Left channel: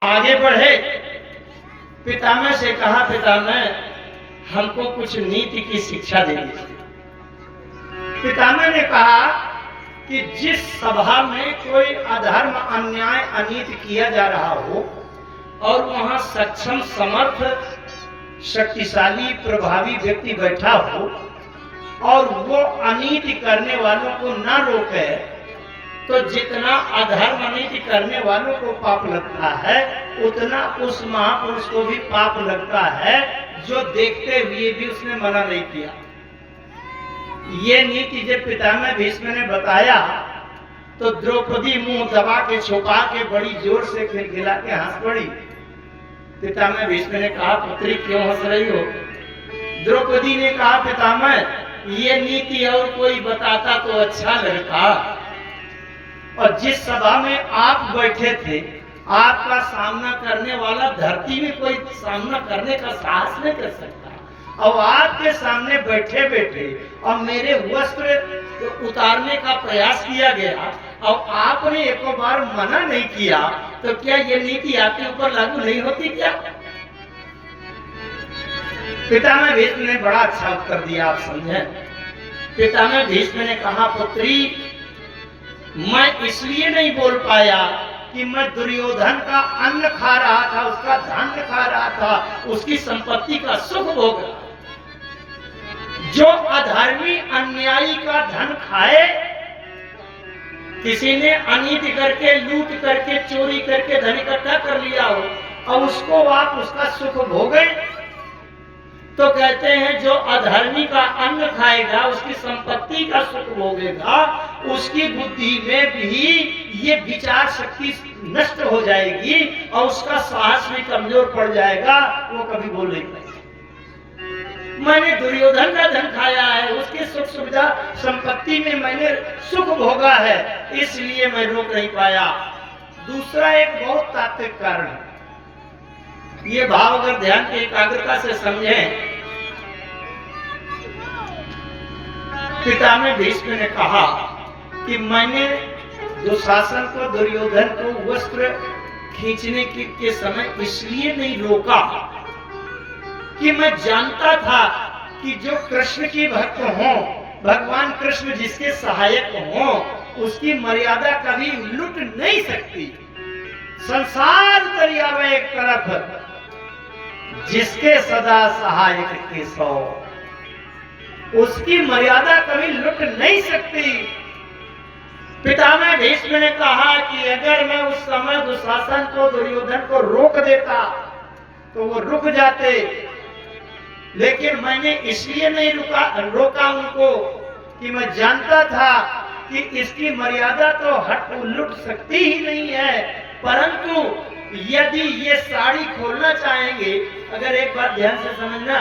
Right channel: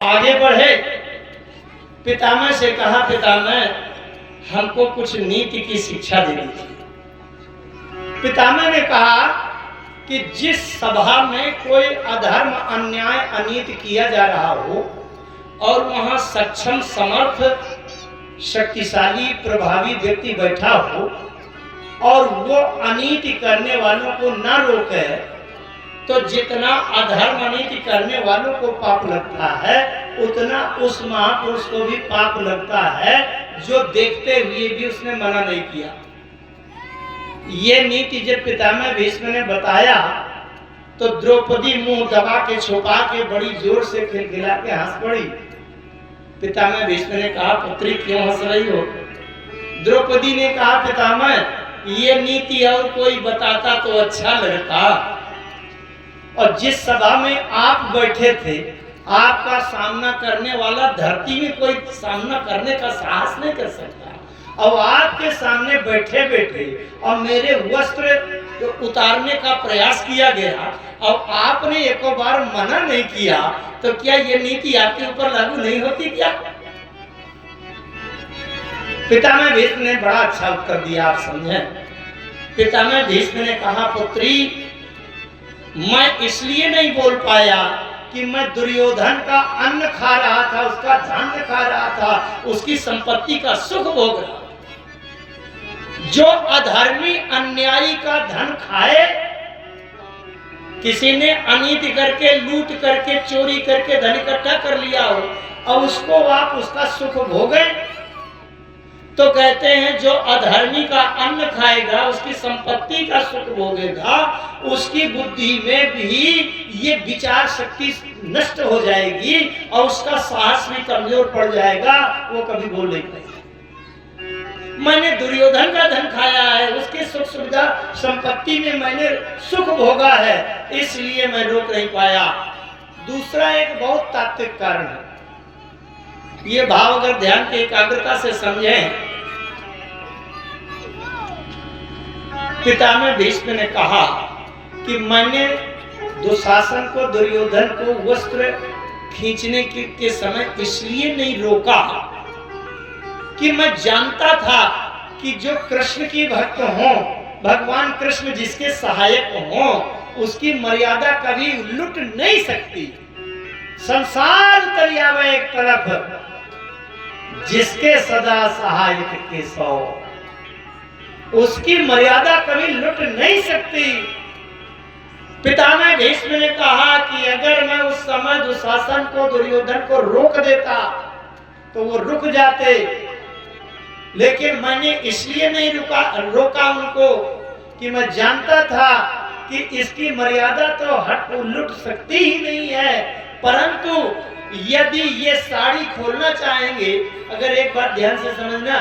आगे बढ़े, पितामह से कहा, पितामह हमको कुछ नीति की शिक्षा देनी थी। पितामह ने कहा कि जिस सभा में कोई अधर्म, अन्याय, अनीति किया जा रहा हो और वहां सक्षम, समर्थ, शक्तिशाली, प्रभावी व्यक्ति बैठा हो और वो अनीति करने वालों को ना रोके, तो जितना अधर्म, अनीति करने वालों को पाप लगता है उतना उस महापुरुष को भी पाप लगता है जो देखते हुए भी उसने मना नहीं किया। ये नीति जब पितामह भीष्म ने बताया तो द्रौपदी मुंह दबा के, छुपा के, बड़ी जोर से खिलखिला के हंस पड़ी। पितामह भीष्म ने कहा, पुत्री क्यों हंस रही हो? द्रौपदी ने कहा, पितामह ये नीति और कोई बताता तो अच्छा लगता, और जिस सभा में आप बैठे थे, आपका सामना करने वाला धरती में कोई सामना करने का साहस नहीं कर सकता, और आपके सामने बैठे बैठे और मेरे वस्त्र उतारने का प्रयास किया गया और आपने एक बार मना नहीं किया, तो क्या ये नीति आपके ऊपर लागू नहीं होती क्या? पितामह भीष्म ने बड़ा अच्छा उत्तर दिया, आप समझे। पितामह भीष्म ने कहा, पुत्री मैं इसलिए नहीं बोल पाया कि मैं दुर्योधन का अन्न खा रहा था, उसका धान्य खा रहा था, उसकी संपत्ति का सुख भोग रहा। जो अधर्मी, अन्यायी का धन खाए, किसी ने अनीति करके, लूट करके, चोरी करके धन इकट्ठा कर लिया हो और उसको आप उसका सुख भोगे, तो कहते हैं जो अधर्मी का अन्न खाएगा, उसकी संपत्ति का सुख भोगेगा, उसकी बुद्धि में भी ये विचार शक्ति नष्ट हो जाएगी और उसका साहस भी कमजोर पड़ जाएगा, वो कभी बोल नहीं पाएगा। मैंने दुर्योधन का धन खाया है, उसके सुख सुविधा संपत्ति में मैंने सुख भोगा है, इसलिए मैं रोक नहीं पाया। दूसरा एक बहुत तात्विक कारण है, ये भाव अगर ध्यान की एकाग्रता से समझें। पितामह भीष्म ने कहा कि मैंने दुशासन को, दुर्योधन को वस्त्र खींचने के समय इसलिए नहीं रोका कि मैं जानता था कि जो कृष्ण की भक्त हो, भगवान कृष्ण जिसके सहायक हो, उसकी मर्यादा कभी लुट नहीं सकती। संसार तरियावे एक तरफ, जिसके सदा सहायक के सौ, उसकी मर्यादा कभी लुट नहीं सकती। पितामह भीष्म ने कहा कि अगर मैं उस समय दुशासन को, दुर्योधन को रोक देता तो वो रुक जाते, लेकिन मैंने इसलिए नहीं रोका उनको कि मैं जानता था कि इसकी मर्यादा तो लुट सकती ही नहीं है। परंतु यदि ये साड़ी खोलना चाहेंगे, अगर एक बात ध्यान से समझना,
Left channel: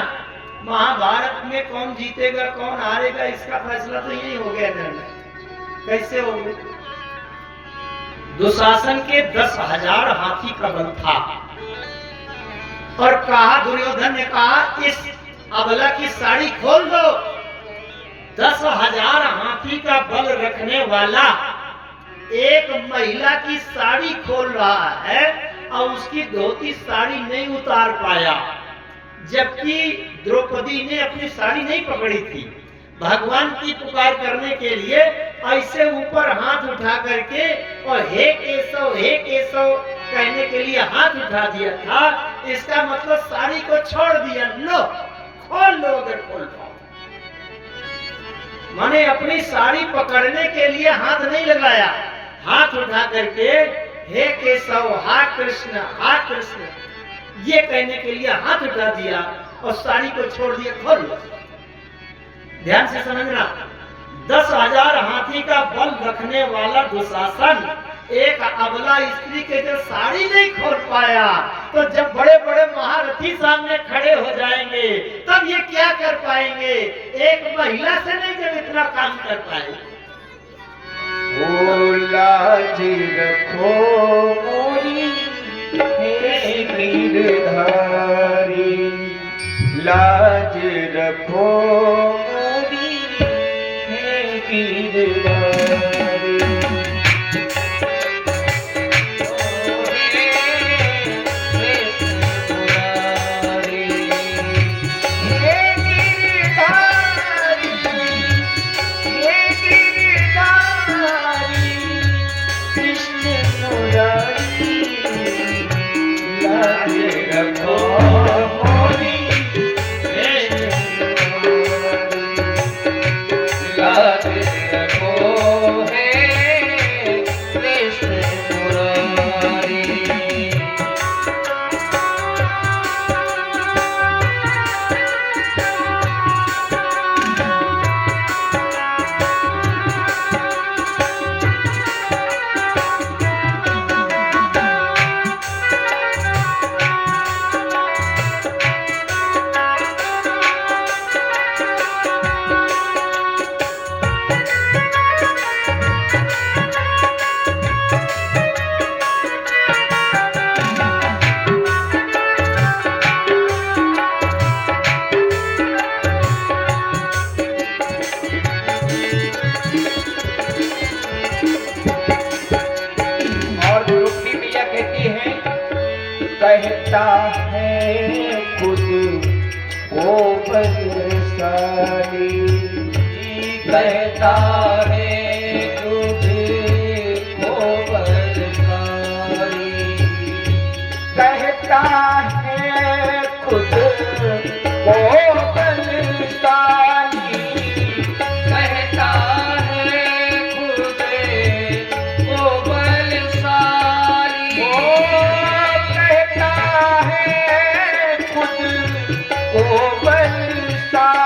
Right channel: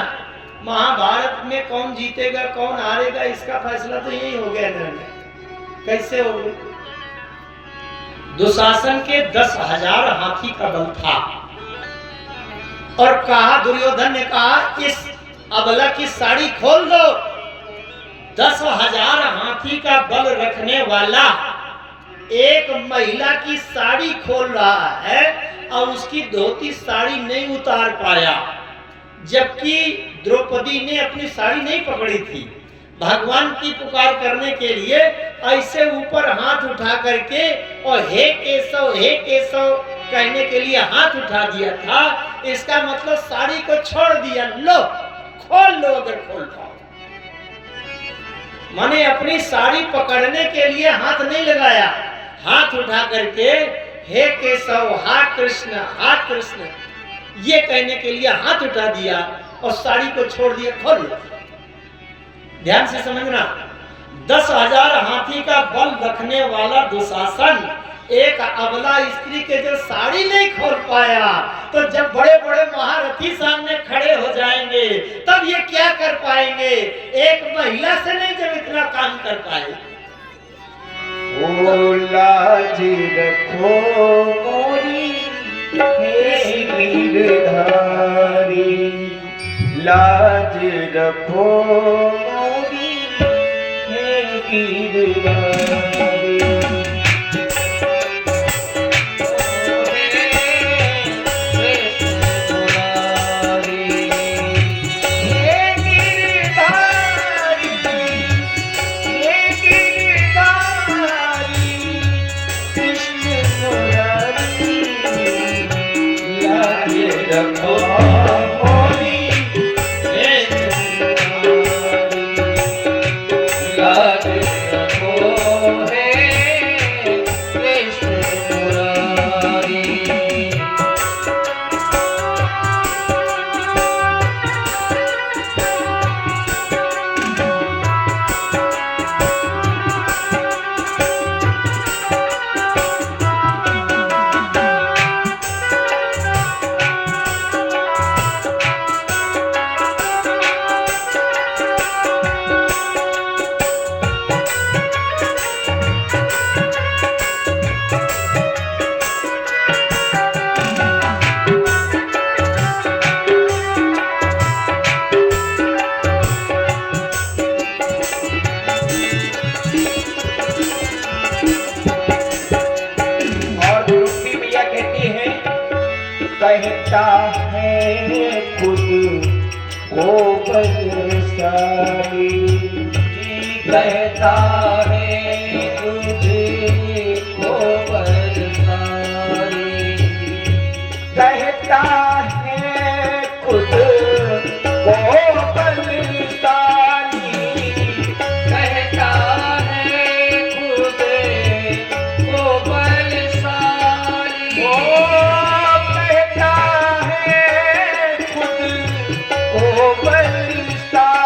महाभारत में कौन जीतेगा कौन हारेगा इसका फैसला तो यही हो गया निर्णय। कैसे हो गया? दुशासन के 10,000 हाथी का बल था और कहा, दुर्योधन ने कहा इस अबला की साड़ी खोल दो। 10,000 हाथी का बल रखने वाला एक महिला की साड़ी खोल रहा है और उसकी धोती साड़ी नहीं उतार पाया, जबकि द्रौपदी ने अपनी साड़ी नहीं पकड़ी थी। भगवान की पुकार करने के लिए ऐसे ऊपर हाथ उठा करके और हे केशव कहने के लिए हाथ उठा दिया था। इसका मतलब साड़ी को छोड़ दिया, लो खोल लो अगर खोल पाओ। माने अपनी साड़ी पकड़ने के लिए हाथ नहीं लगाया, हाथ उठा करके हे केशव, हा कृष्ण ये कहने के लिए हाथ उठा दिया और साड़ी को छोड़ दिया, खोल लो। ध्यान से समझना, 10,000 हाथी का बल रखने वाला दुशासन एक अबला स्त्री के जो साड़ी नहीं खोल पाया, तो जब बड़े बड़े महारथी सामने खड़े हो जाएंगे तब ये क्या कर पाएंगे? एक महिला से नहीं जब इतना काम कर पाए। ओ लाज रखो मोरी गिरधारी, लाज रखो मोरी गिरधारी। रखो मोरी लाज रखो है कृष्ण मुरारी। कहता है खुद को बरसाई, कहता है खुद को बरसाई, कहता है खुद को बरसाई, कहता है खुद को बरसाई।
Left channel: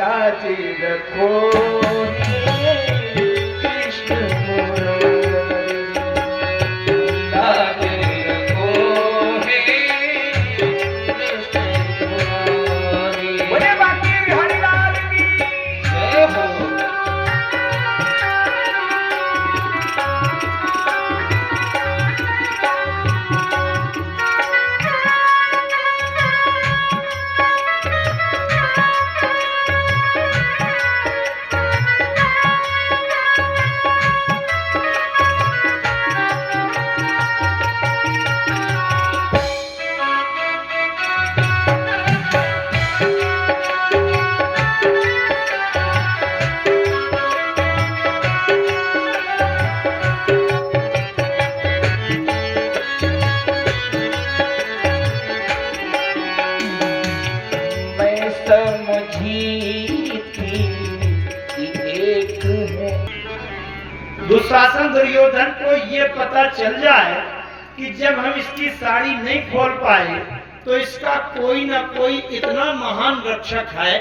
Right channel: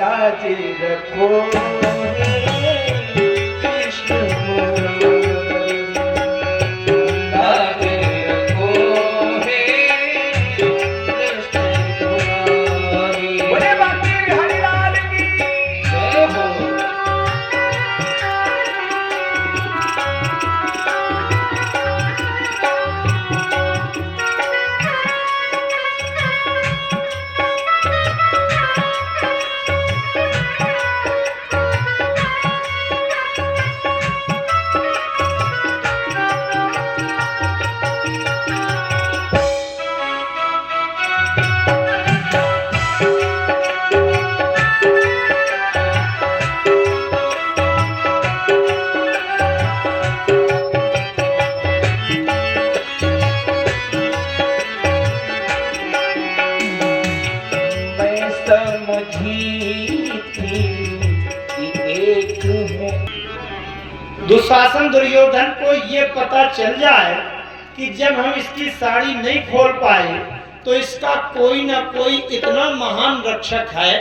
लाज रखो कृष्ण मुरारी, लाज रखो हे कृष्ण मुरारी। बोले बाकी बिहारी लाल की जय हो। दुशासन दुर्योधन को ये पता चल जाए कि जब हम इसकी साड़ी नहीं खोल पाए तो इसका कोई ना कोई इतना महान रक्षक है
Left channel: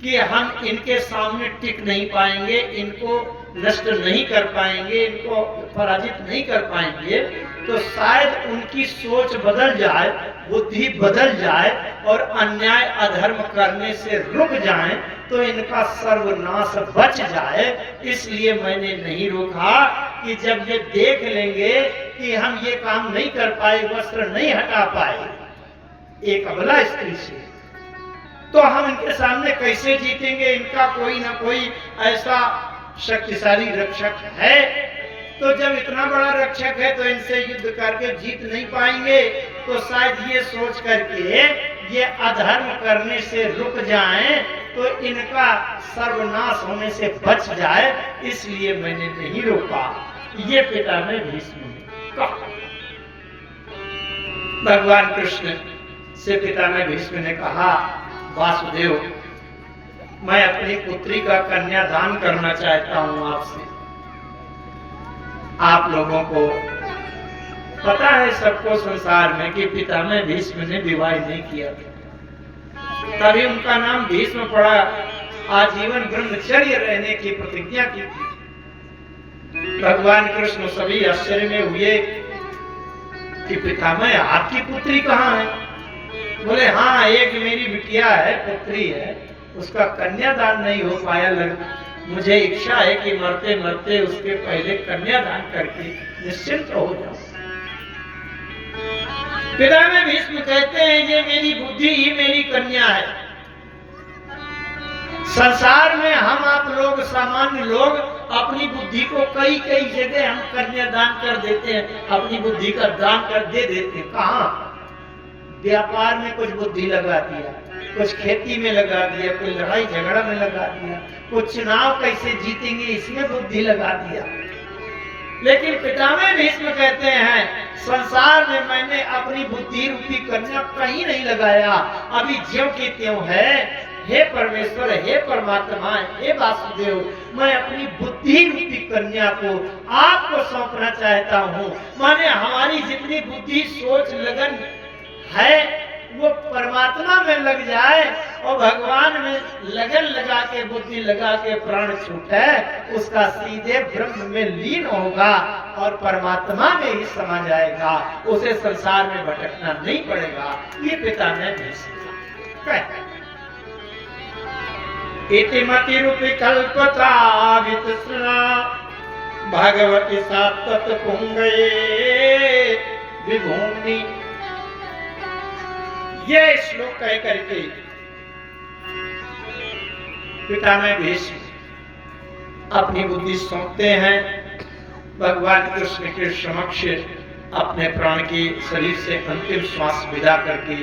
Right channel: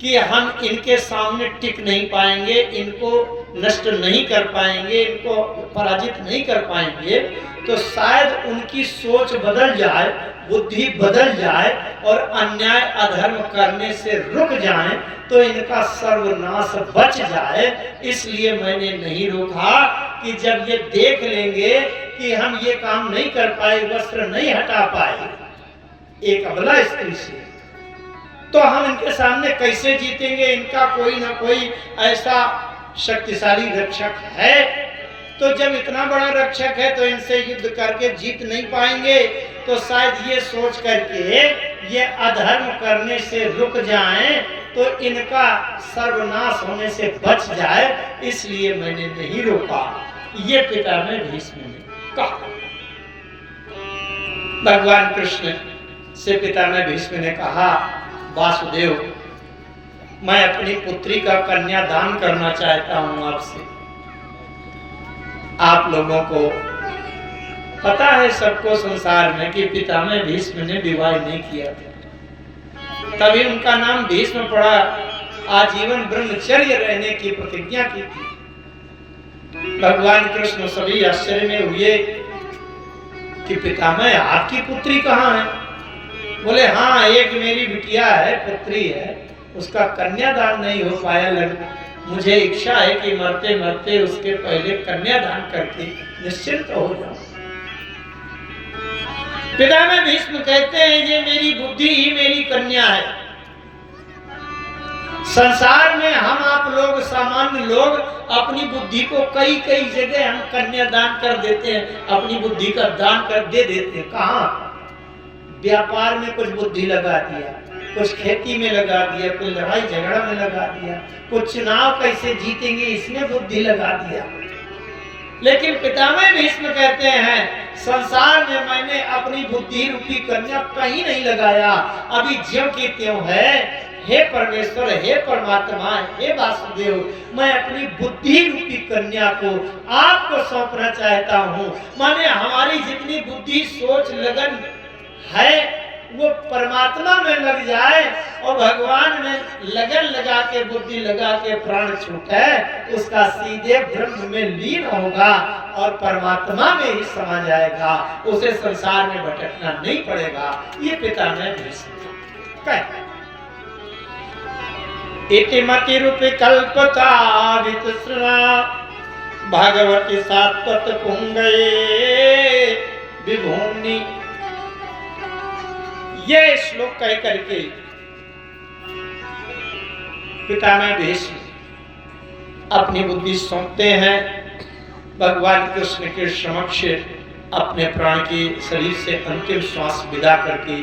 कि हम इनके सामने टिक नहीं पाएंगे, इनको नष्ट नहीं कर पाएंगे, इनको पराजित नहीं कर पाएंगे, तो शायद उनकी सोच बदल जाए, बुद्धि बदल जाए और अन्याय अधर्म करने से रुक जाएं, तो इनका सर्वनाश बच जाए। इसलिए मैंने नहीं रोका कि जब ये देख लेंगे कि हम ये काम नहीं कर पाए, वस्त्र नहीं हटा पाए एक अबला स्त्री से, तो हम इनके सामने कैसे जीतेंगे। इनका कोई ना कोई ऐसा शक्तिशाली रक्षक है, तो जब इतना बड़ा रक्षक है तो इनसे युद्ध करके जीत नहीं पाएंगे, तो शायद ये सोच करके ये अधर्म करने से रुक जाएं, तो इनका सर्वनाश होने से बच जाए। इसलिए मैंने नहीं रोका। ये पितामह भीष्म ने कहा। भगवान कृष्ण से पितामह भीष्म ने कहा, वासुदेव, मैं अपनी पुत्री का कन्यादान करना चाहता हूं आपसे। आप लोगों को पता है सबको संसार में कि पितामह भीष्म ने विवाह नहीं किया, तभी उनका नाम भीष्म पड़ा। आजीवन ब्रह्मचर्य रहने की प्रतिज्ञा की थी। भगवान कृष्ण सभी आश्चर्य में हुए कि पितामह आपकी पुत्री कहाँ है। बोले, हाँ, एक मेरी बिटिया है, पुत्री है, उसका कन्यादान नहीं हो पाया। मुझे इच्छा है कि मरते मरते उसके पहले कन्यादान करके निश्चिंत हो जाऊं। पितामह भीष्म कहते हैं, ये मेरी बुद्धि ही मेरी कन्या है। संसार में हम आप लोग सामान्य लोग अपनी बुद्धि को कई कई जगह हम कन्यादान कर देते हैं, अपनी बुद्धि का दान कर दे देते हैं। कहाँ? व्यापार में कुछ बुद्धि लगा दिया, कुछ खेती में लगा दिया, कुछ लड़ाई झगड़ा में लगा दिया, कुछ चुनाव कैसे जीतेंगे इसमें बुद्धि लगा दिया। लेकिन पितामह भीष्म कहते हैं संसार में मैंने अपनी बुद्धि रूपी कन्या कहीं नहीं लगाया, अभी ज्यों की त्यों है। हे परमेश्वर, हे परमात्मा, हे वासुदेव, मैं अपनी बुद्धि रूपी कन्या को आपको सौंपना चाहता हूँ। माने हमारी जितनी बुद्धि सोच लगन है वो परमात्मा में लग जाए और भगवान में लगन लगा के बुद्धि लगा के प्राण छूटे, उसका सीधे ब्रह्म में लीन होगा और परमात्मा में ही समा जाएगा, उसे संसार में भटकना नहीं पड़ेगा। ये पिता ने कहा इतिमति रूपी कल्पता वितृष्णा भगवती सात्वत पुंगे विभूमि। ये श्लोक कह करके पितामह भीष्म अपनी बुद्धि सौंपते हैं भगवान कृष्ण के समक्ष, अपने प्राण के शरीर से अंतिम श्वास विदा करके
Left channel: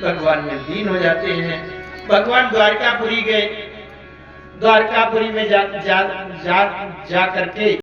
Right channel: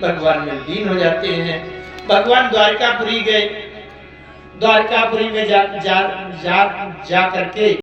भगवान में लीन हो जाते हैं। भगवान द्वारकापुरी गए, द्वारकापुरी में जा करके